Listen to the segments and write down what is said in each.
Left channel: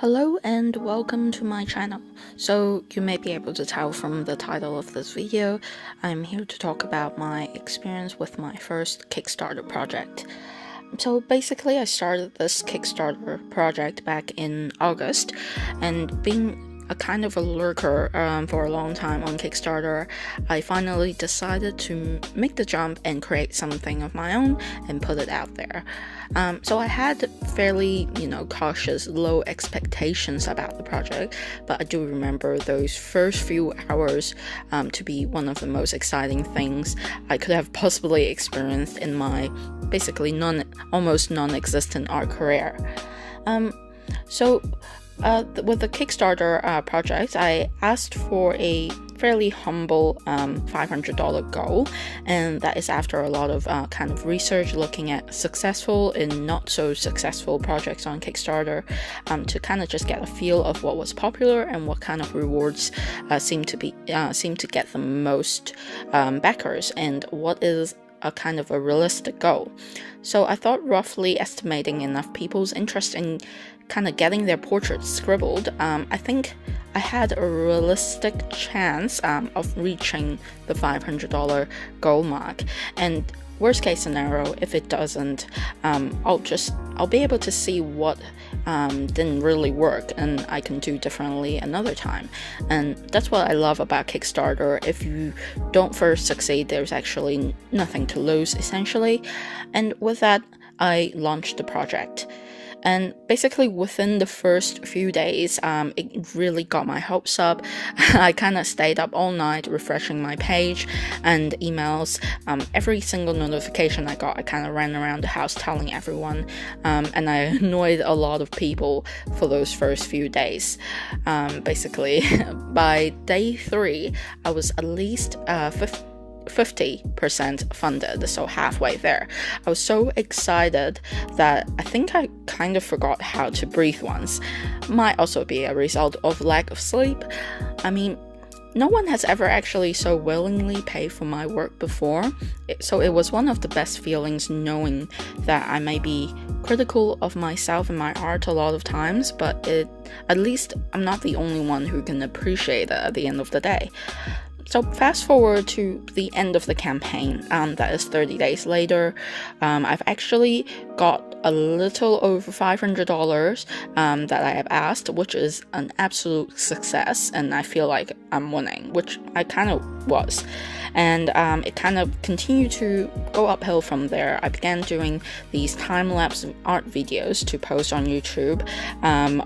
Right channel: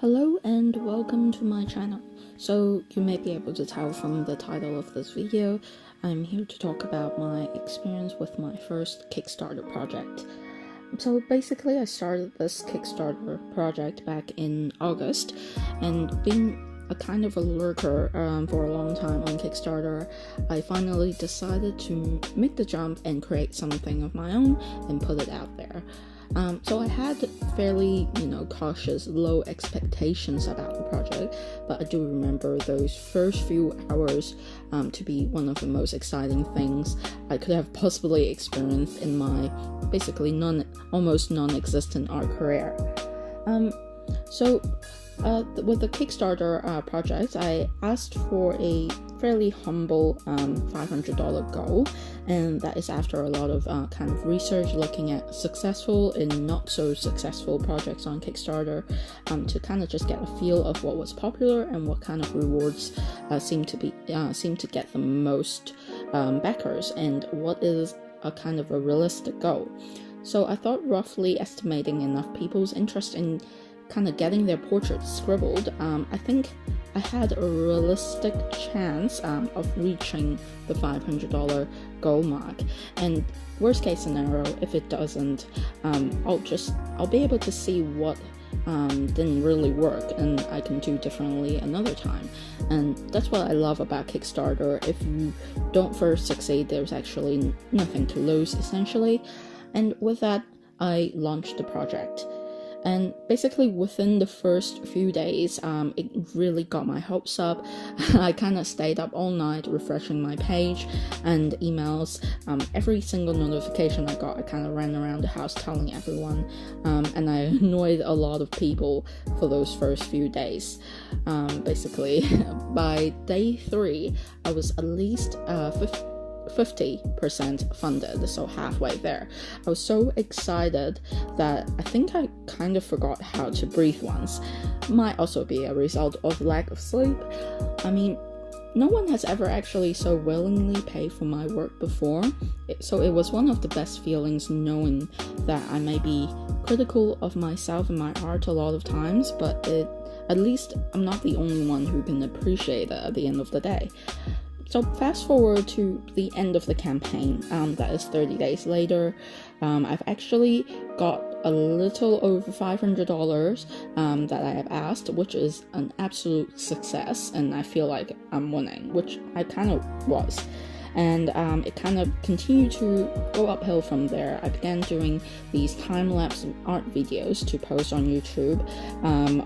Hello and welcome to my channel. So you may be able to tell from the title of this video, I'm here to talk about my experience with my first Kickstarter project. So basically I started this Kickstarter project back in August, and being a kind of a lurker for a long time on Kickstarter, I finally decided to make the jump and create something of my own and put it out there. So I had fairly, cautious, low expectations about the project, but I do remember those first few hours to be one of the most exciting things I could have possibly experienced in my basically almost non-existent art career. With the Kickstarter project, I asked for a fairly humble $500 goal, and that is after a lot of kind of research looking at successful and not so successful projects on Kickstarter, to kind of just get a feel of what was popular and what kind of rewards seem to get the most backers, and what is a kind of a realistic goal. So I thought roughly estimating enough people's interest in kind of getting their portraits scribbled, I think I had a realistic chance of reaching the $500 goal mark. And worst case scenario, if it doesn't, I'll be able to see what didn't really work and I can do differently another time. And that's what I love about Kickstarter. If you don't first succeed, there's actually nothing to lose, essentially. And with that, I launched the project. And basically within the first few days, it really got my hopes up. I kind of stayed up all night refreshing my page and emails. Every single notification I got, I kind of ran around the house telling everyone, and I annoyed a lot of people for those first few days. Basically, by day 3, I was at least 50% funded, so halfway there. I was so excited that I think I kind of forgot how to breathe once. Might also be a result of lack of sleep. I mean, no one has ever actually so willingly paid for my work before, so it was one of the best feelings knowing that I may be critical of myself and my art a lot of times, but at least I'm not the only one who can appreciate it at the end of the day. So fast forward to the end of the campaign, that is 30 days later, I've actually got a little over $500 that I have asked, which is an absolute success, and I feel like I'm winning, which I kind of was. And it kind of continued to go uphill from there. I began doing these time-lapse art videos to post on YouTube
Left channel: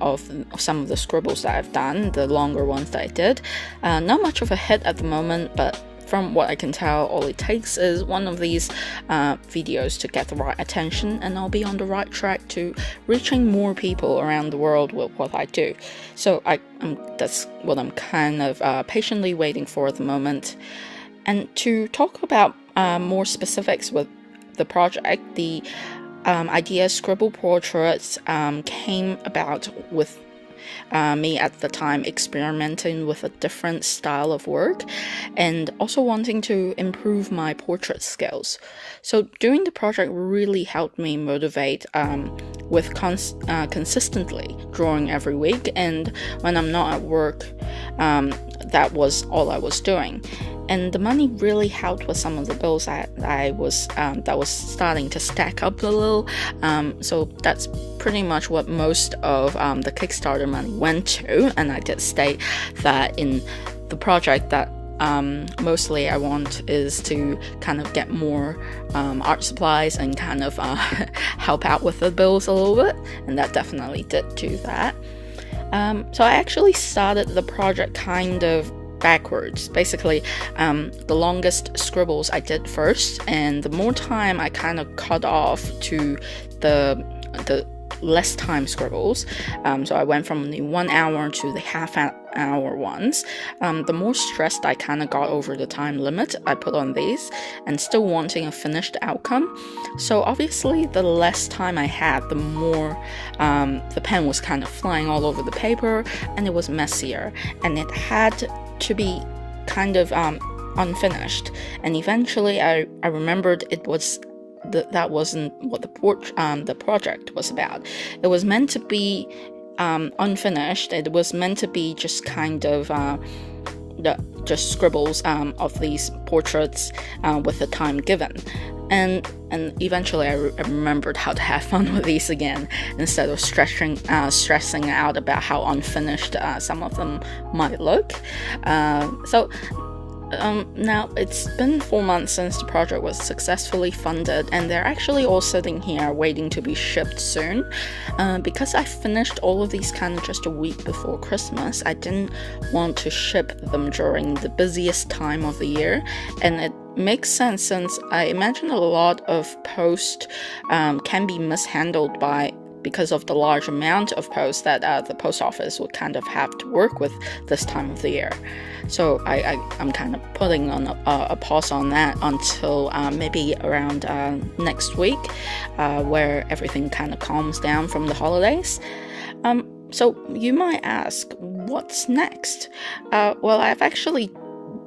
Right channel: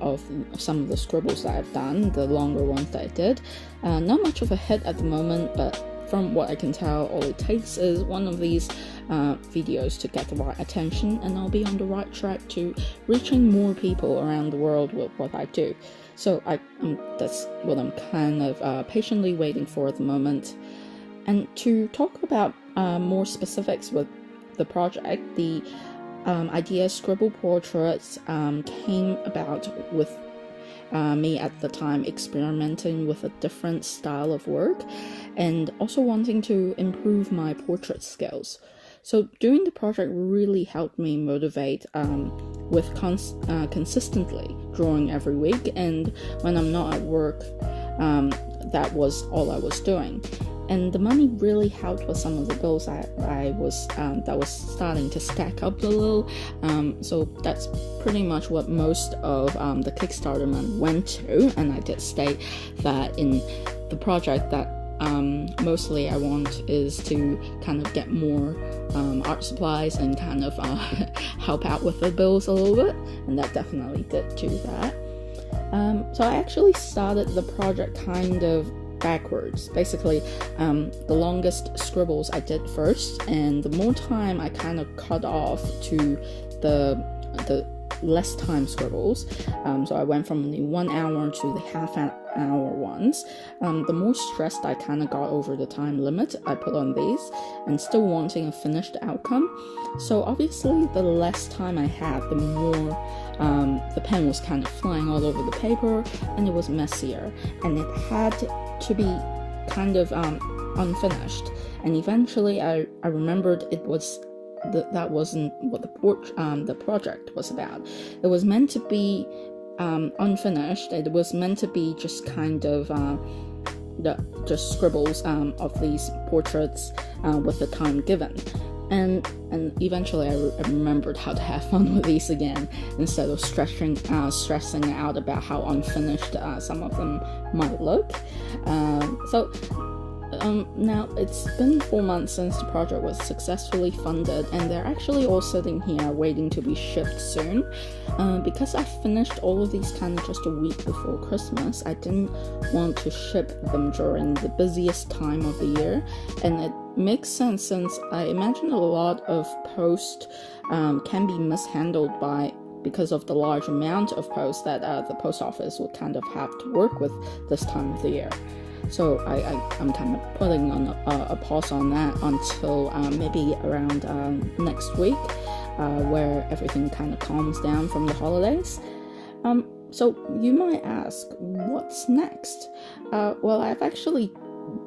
of some of the scribbles that I've done, the longer ones that I did. Not much of a hit at the moment, but from what I can tell, all it takes is one of these videos to get the right attention, and I'll be on the right track to reaching more people around the world with what I do. So that's what I'm kind of patiently waiting for at the moment. And to talk about more specifics with the project, the idea Scribble Portraits came about with me at the time experimenting with a different style of work and also wanting to improve my portrait skills. So doing the project really helped me motivate with consistently drawing every week, and when I'm not at work, that was all I was doing. And the money really helped with some of the bills that was starting to stack up a little. So that's pretty much what most of the Kickstarter money went to. And I did state that in the project that mostly I want is to kind of get more art supplies and kind of help out with the bills a little bit. And that definitely did do that. So I actually started the project kind of backwards. Basically, the longest scribbles I did first, and the more time I kind of cut off to the less time scribbles. So I went from the 1 hour to the half-hour ones. The more stressed I kind of got over the time limit I put on these, and still wanting a finished outcome. So obviously, the less time I had, the more the pen was kind of flying all over the paper, and it was messier, and it had to be kind of unfinished. And eventually, I remembered that wasn't what the project was about. It was meant to be unfinished. It was meant to be just kind of just scribbles of these portraits with the time given. And eventually I remembered how to have fun with these again, instead of stressing out about how unfinished some of them might look. Now it's been 4 months since the project was successfully funded, and they're actually all sitting here waiting to be shipped soon. Because I finished all of these kind of just a week before Christmas, I didn't want to ship them during the busiest time of the year, and it makes sense since I imagine a lot of post can be mishandled because of the large amount of posts that the post office would kind of have to work with this time of the year. So I'm kind of putting on a pause on that until maybe around next week, where everything kind of calms down from the holidays. So you might ask, what's next? Well, I've actually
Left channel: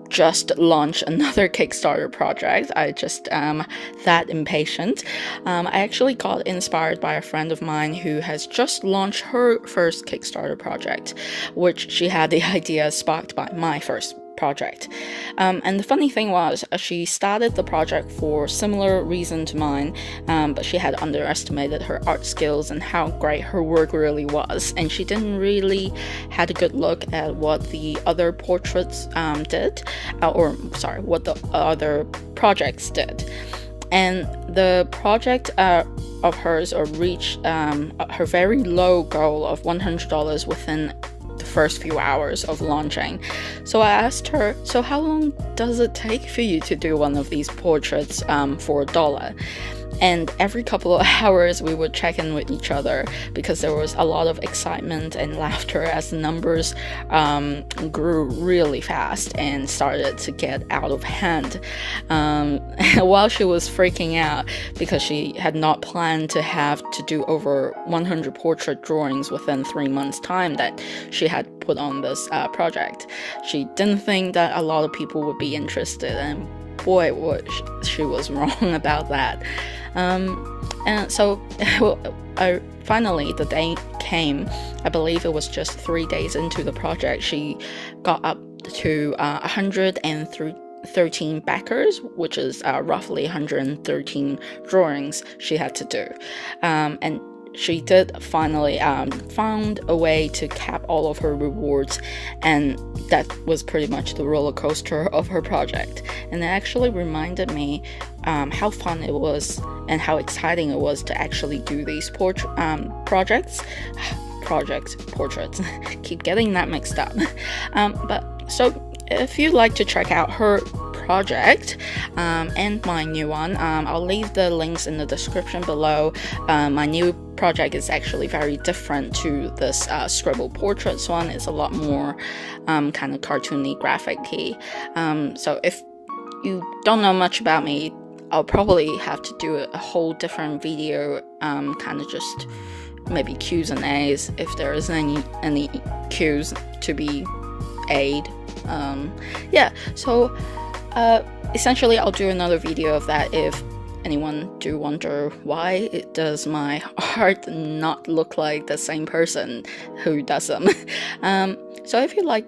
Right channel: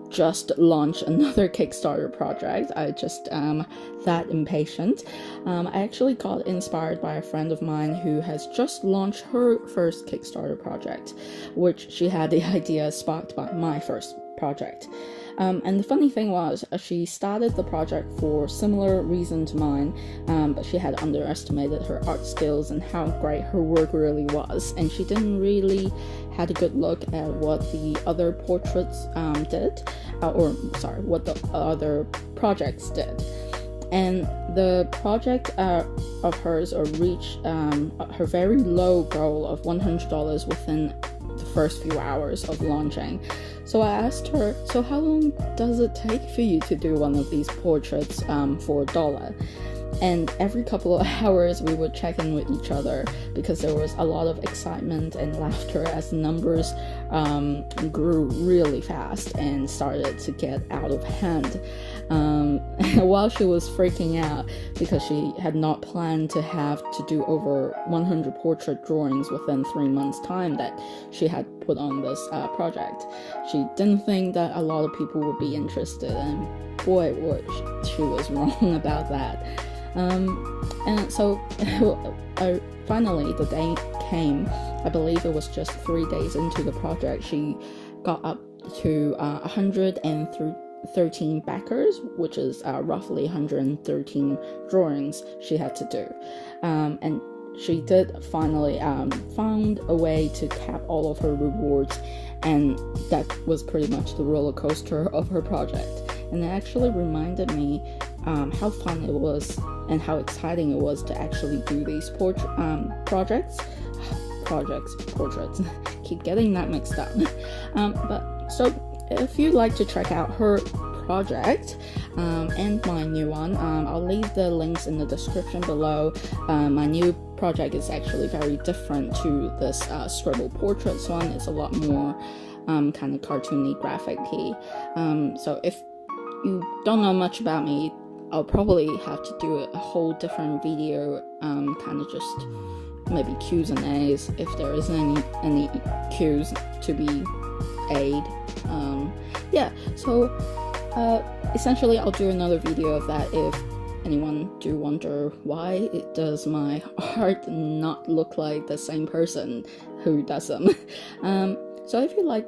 just launched another Kickstarter project. I just that impatient. I actually got inspired by a friend of mine who has just launched her first Kickstarter project, which she had the idea sparked by my first project. And the funny thing was, she started the project for similar reason to mine, but she had underestimated her art skills and how great her work really was, and she didn't really had a good look at what the other portraits did, what the other projects did. And the project of hers reached her very low goal of $100 within the first few hours of launching. So I asked her, so how long does it take for you to do one of these portraits for $1? And every couple of hours we would check in with each other, because there was a lot of excitement and laughter as the numbers grew really fast and started to get out of hand. While she was freaking out because she had not planned to have to do over 100 portrait drawings within 3 months' time that she had put on this project. She didn't think that a lot of people would be interested, and boy, she was wrong about that. And so finally the day came. I believe it was just 3 days into the project, she got up to 113 backers, which is roughly 113 drawings she had to do. And she did finally found a way to cap all of her rewards, and that was pretty much the roller coaster of her project. And it actually reminded me how fun it was and how exciting it was to actually do these portraits. Keep getting that mixed up. But so if you'd like to check out her project and my new one, I'll leave the links in the description below. My new project is actually very different to this Scribble portraits one. It's a lot more kind of cartoony, graphic-y. So if you don't know much about me, I'll probably have to do a whole different video, kind of just maybe Q's and A's, if there is any Q's to be A'd. Yeah, so essentially I'll do another video of that if anyone do wonder why does my art not look like the same person who does them. So if you like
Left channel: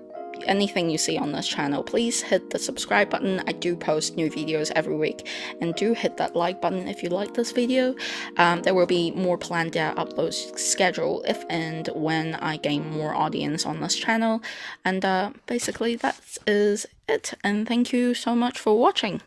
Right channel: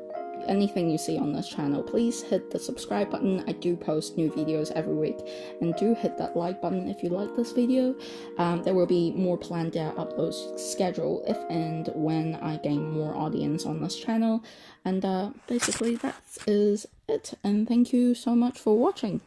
anything you see on this channel, please hit the subscribe button. I do post new videos every week, and do hit that like button if you like this video. There will be more planned out uploads schedule if and when I gain more audience on this channel. And basically that is it, and thank you so much for watching.